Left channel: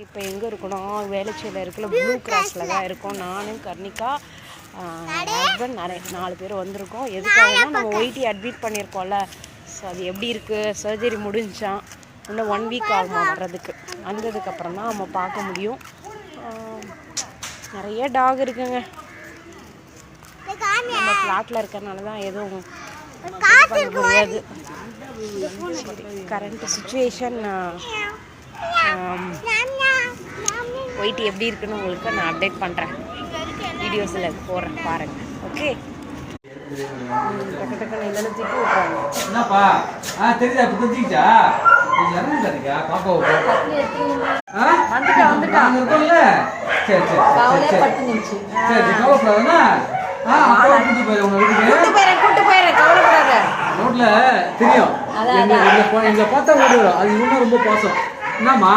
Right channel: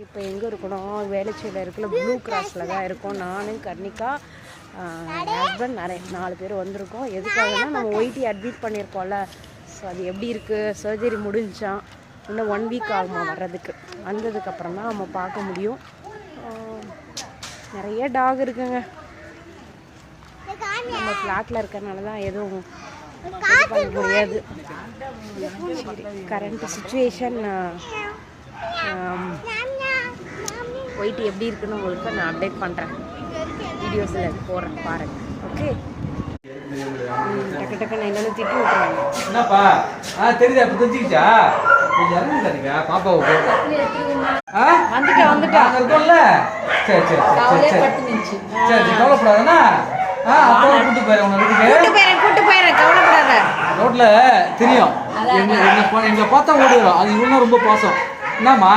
இப்போ எங்கே இருக்கணும், வேளச்சேரியில் இருக்கிற ப்ளூ கிராஸில் தான் இருக்கோம். நானும் கர்ணிகா, ஹஸ்பண்ட், 4 பேர் வந்திருக்கோம். எதுக்காகனா நம்ம ஒய்டி அட்மிட் பண்ணியிருக்கோம்ல, ஸோ அது எப்படி இருக்குது, சர்ஜரி முடிஞ்சான், இன்னும் 1 வீக் ஆகுமா வர்றதுக்கு. வந்ததுக்கப்புறம் தான் நம்ம பார்க்க முடியும். நிறைய டாக் இருக்குங்க. நம்ம ஃப்ளாட்டில் இருக்கிறனால தான் எதுவும் இது பண்ண முடியாது. கரண்ட் சுச்சுவேஷன் ஒய்டி எப்படி இருக்குன்னு உங்களுக்கு நான் அப்டேட் பண்ணுறேன், வீடியோஸில் போடுறேன் பாருங்கள். ஓகே, டக்கு டக்குன்னு என்னென்னு திட்டு விட்றாங்க. என்னப்பா தெரியுதா? இப்போ தெரிஞ்சுக்கிச்சா? வந்துட்டா சரி சரி கவலைப்படாதுன்னா கூட்டு போயிடுறேன், கவலைப்படாத. ரோட்ல தெரியும் எங்களை பார்த்தா ஓடுறோம். அது இவங்க ரொம்ப பாசம். என்னம்மா